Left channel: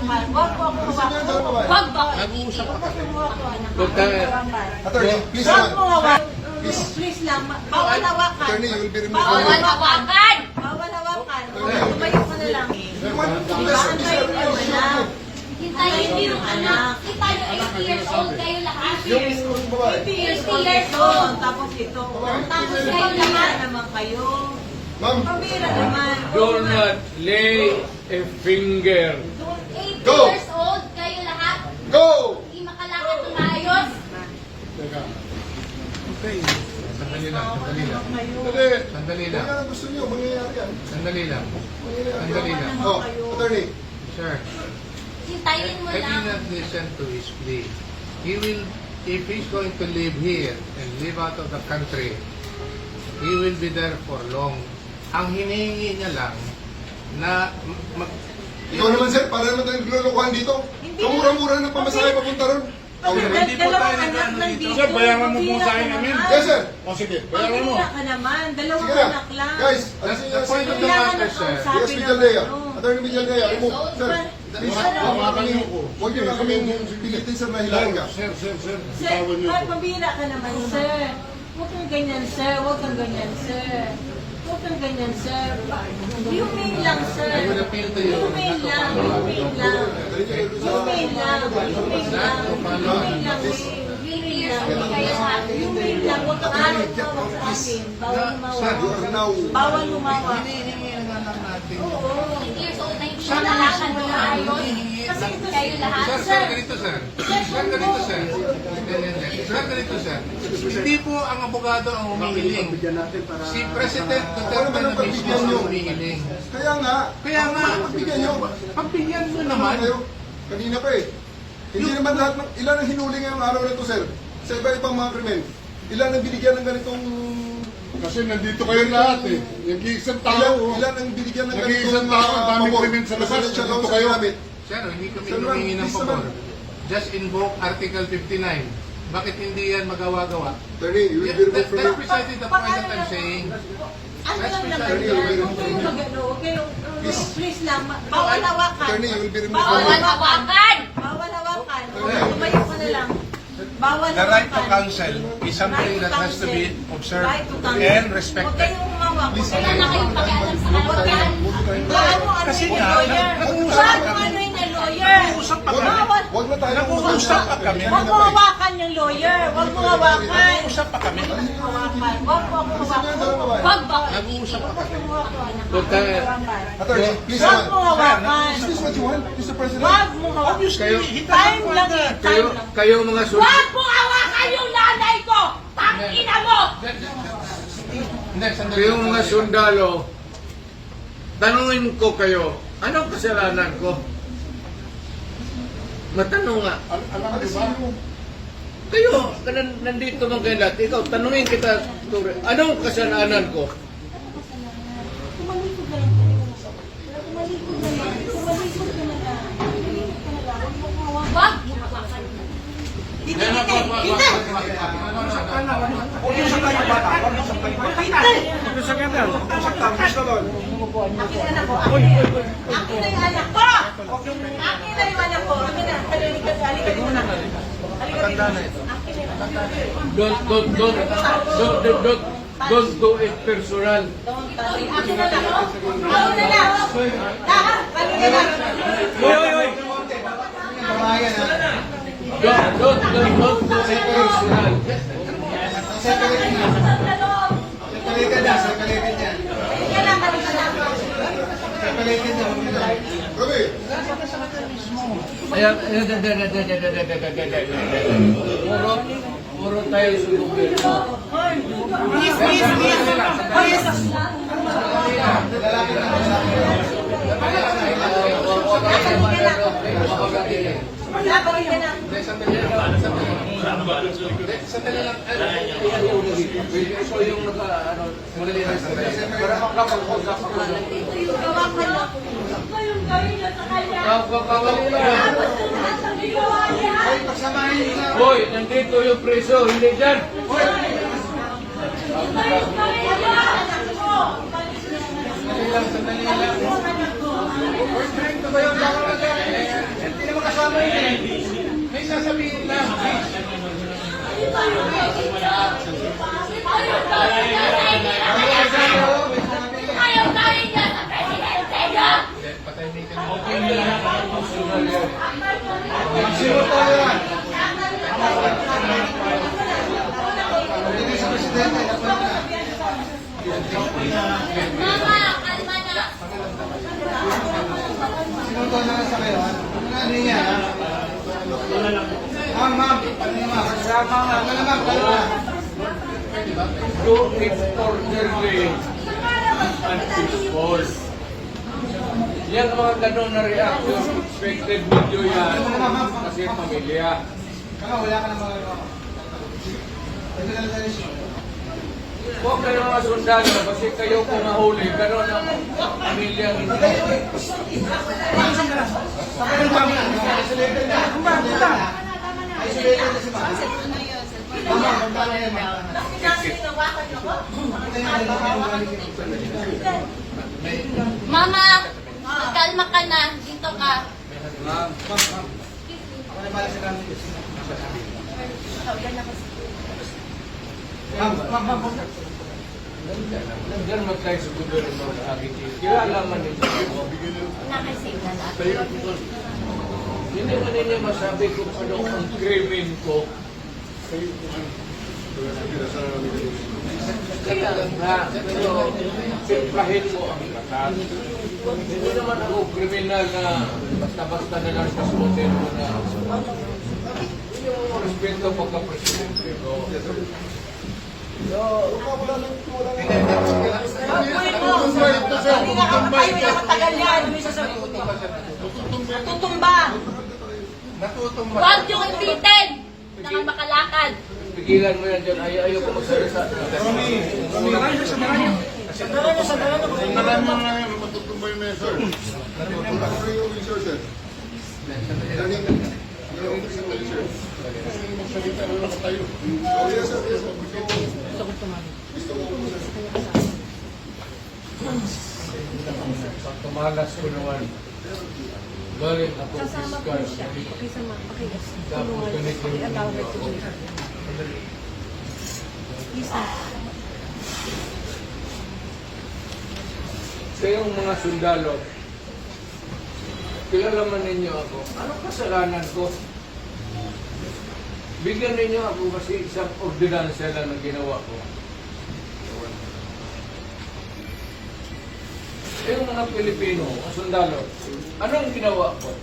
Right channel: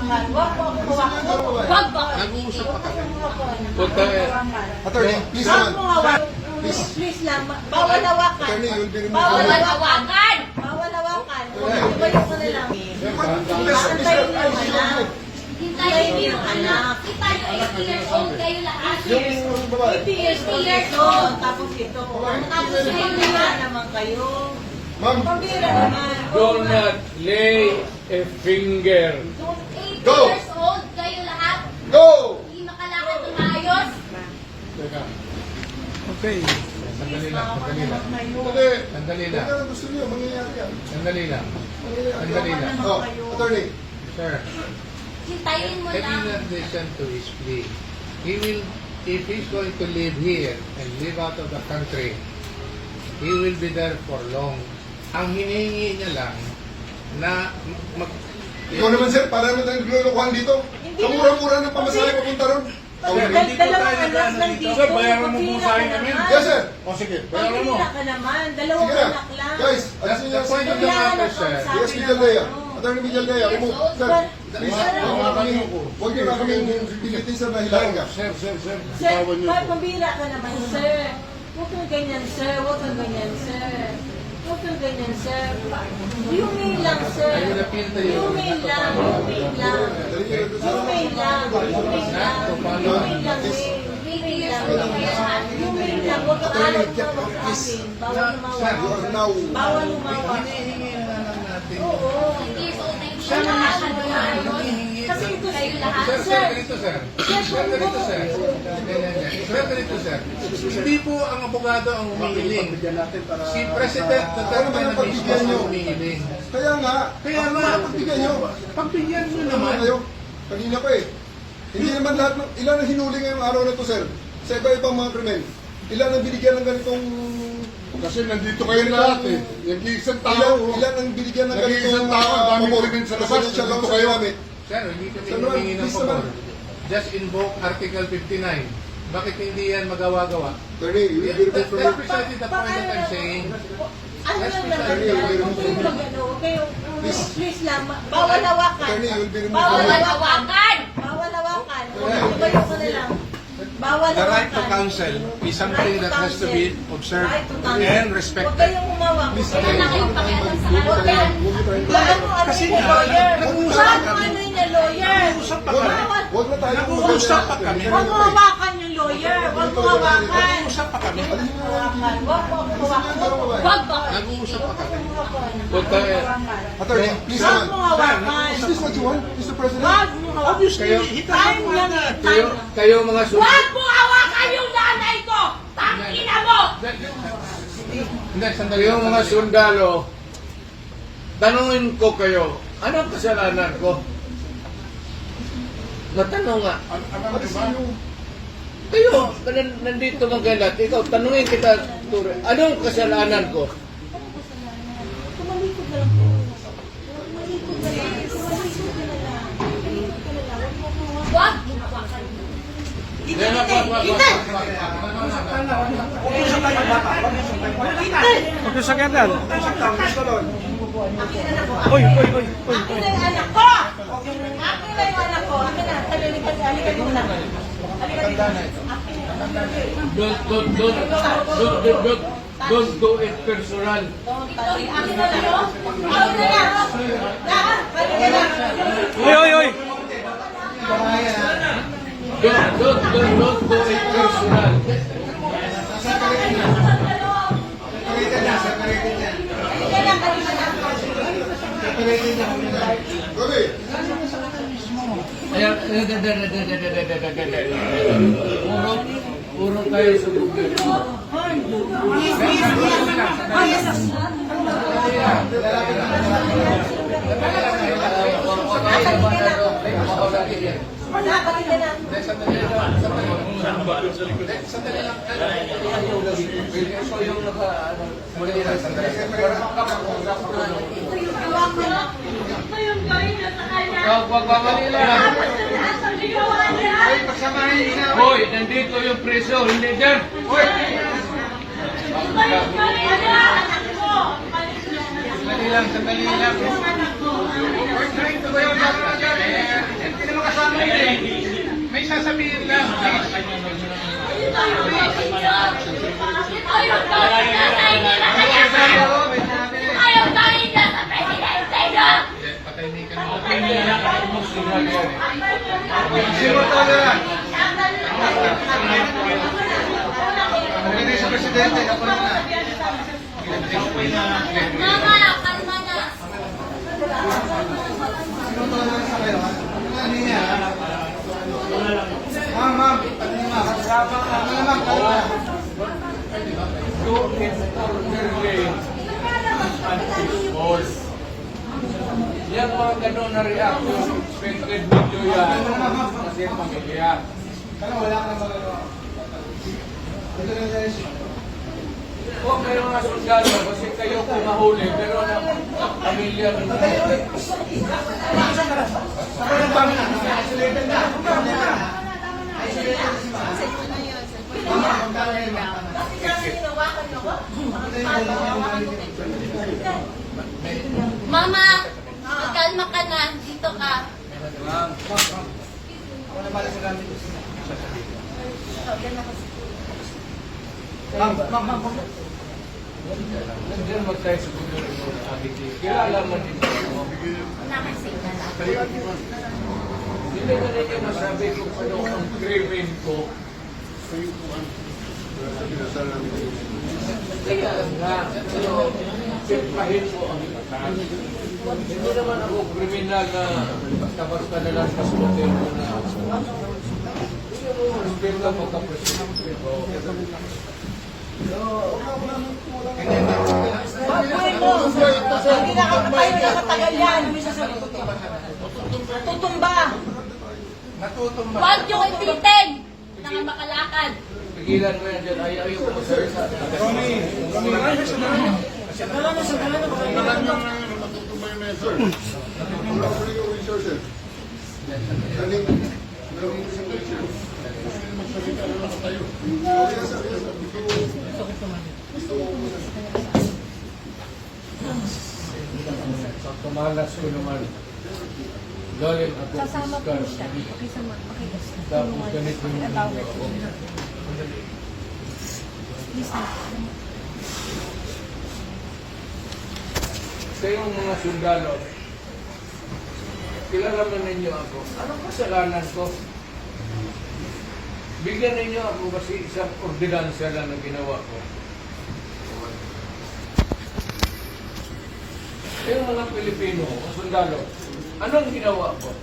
hawakan. Huwag mo ako hawakan. Huwag mo. Nag-uusap pa kami. Attorney, please Huwag naman. mo hawakan. Please lang. Bawal hawakan. Attorney, I will be removing Bawal you. hawakan. Bawal hawakan. Tumayo ka na lang. Antayin mo yung anak. Antayin mo yung anak. 80 years old kayo lahat. 80 years old ito. Tapos ito. Pambira naman kayo. Ma'am, Pambira naman. Do not lay a finger. 80 Go! years old kayo lahat. go! Hindi makalakad ng maayos. Teka. Okay. Sandali lang, sandali lang. Dali. Sandali lang. Ano gusto niyo? Mangyayari yan. Sandali lang. Sandali lang. Oh, attorney. Sir, Hintayin mo I did lang. not listen to his plea. He will, if he's going to live here and live out of the country, he will be there for long. Ang hinihingi niya lang na Ikaw naman sir, para naman tayong glulukuhan dito. Kamura-mura ng pamasahe papunta ron. Hindi po tayo nag-ano dito. Sir, bayaran mo po sa akin namin. Yes sir. O sige, bayaran mo. Pambira ka naman. Dalawang Sige na. anak lang. Guys, That's alisin the niyo point of si... the matter, sir. Yes, Villaldea. Attorney Villaldea, remove. Sir, please. Huwag niyo na kami pilitin sir na hilahin ka. Sir. Sir, pambira ka naman, sir. Huwag kang ganyan, sir. Huwag kang ganyan, sir. Huwag kang ganyan, sir. Humane lang, sir. I will appeal to you. Humane lang. Humane lang. Humane lang. Humane lang. Humane lang, eh. Humane lang. Humane lang. Huwag kang ayaw mo sa akin. Bawal Sir, You are now... Bawal lumawa. hinihingi na lang natin. 80 years old na hindi makalakad ng maayos. Kasi ito Kayo lahat. Sir, ganito sir. Sir, ganito sir. Sir, ganito sir. Hindi po ang abogado ang humihiling. Si President Ako naman ang Duterte pagbigyan mismo niyo. ang humihiling. Kaya nga. Kaya nga, Pagbigyan niyo. pagbigyan mo Naman naman. kayo. Kanina pa eh. Hindi naman lahat, ilan ang hinuli ngayong araw na to, sir? Sa iba-ibang mga krimen. Ilan ang binigyan ng ganitong... Kasi nandito kayo lahat eh. Nag-iisang Ilan, tao. ilan ang binigyan ng Nag-iisang ganitong... tao, ang daming pabor? krimen sa labas, Presidential nandito counsel kayo. namin. Sir, hindi kami Sir, ma'am, humingi ng please pabor. naman. Just invoke Article 59. Bakit hindi yan magawa-gawa? Attorney, you will be removed from That's your... precisely the point that I'm saying. Ano That's yung precisely naman the yan? point. Huwag kayong mag-ano. Huwag kayong... Please lang. Bawal hawakan. Attorney, you will be removed Bawal from your... hawakan. Bawal hawakan. Tumayo ka na lang. Bawal The right to hawakan. counsel is something that has to be observed Right to counsel. and Huwag respected. kayong humawak. Wala na kayong pakialam sa kanya. Bawal mo ano Kasi yung nga, lawyer. nag-uusap Bawal mo ano yung lawyer. Nag-uusap pa kami. Bawal. Huwag na tayo Nag-uusap pa kami. Huwag mo hawakan yung lawyer. Huwag mo hawakan. Nag-uusap pa kami. Hawakan. Huwag mo ako hawakan. Huwag mo. Nag-uusap pa kami. Huwag tayo. Attorney, please Huwag mo naman. hawakan. Is this what you want, Mr. President? Huwag mo hawakan. Obviously, he Time doesn't lang want eh. that. Kayo, Time lang. kayo mga Huwag mo hawakan yung nanay ko! Tangina mo! Hindi, sandali. Kayo mga sundalo, tanungin ko kayo, anong kasalanan ko? Matanong nga. Alam niyo ba? Kayo, nandito mga kayo lahat. Ikaw, tanungin kita, Ture, anong kasalanan ko? Tumalikod na lang. Tumalikod na lang. Tumalikod ka na lang. Tumalikod ka na lang. Huwag mo hawakan. Wag. Dito, dito. Mag-usap tayo bata. Mag-usap tayo bata. Mag-usap ka na. Mag-usap tayo. Gusto doon. Akin na yung anak ko! Akin na yung anak ko. Akin na. Halika dito na. Halika dito. Akin na yung anak ko. Don't do it personal. Akin na lang. Akin na lang. Halika na. Don't do it personal. Gabi. Ayan, puro kayo sulugin. Halika na. Sandali lang. Sandali lang. Ito yung muli lang. Sandali. Ngayon kayo nasa kanya. Kakalila. Hoy, nandito yung preso, hindi dyan. Sandali lang. Sandali lang. sasabihin lang. Ayaw tayo niya sa presidente niya! Patahimikan mo. Mama, kalma na! Do it orderly and peaceful. Yan mga ganun na reaction, expected video yan kasi pamilya. Kung kayo mga sundalo, kasi kayo kung nahuli, pero ang pamilya ninyo. Mama, magkalma ka na. Dito ka. Nandiyan magtayo sa gobernador sa Agiti. Kilala man ninyo. Nakasave na lang. Hindi mo ninyo masabi kung ano ang krimen ko. Kaya nga, pero simplahin mo ang lakas. Hindi naman ako kriminal na basta-basta na lang kasunodin mo na. Hindi mo respeto pagka-presidente ko. Kanina ka tayo na matagal yan. Tutumba. Huwag niyong ipitin! Nang makalakad. Pigilan mo yan dyan. Ayaw ko magsalita. Tumalas ko naman. Galing ako fiskal. Tapos ganito yung ako. Sa yung mga sundalo, kilalaman ninyo ako. Anong kasalanan ko? Bigyan ninyo ako kasi isang ordinansya lang na ginawa ko. Sa yung mga Pilipino, mga sundalo, anong ginawa ko?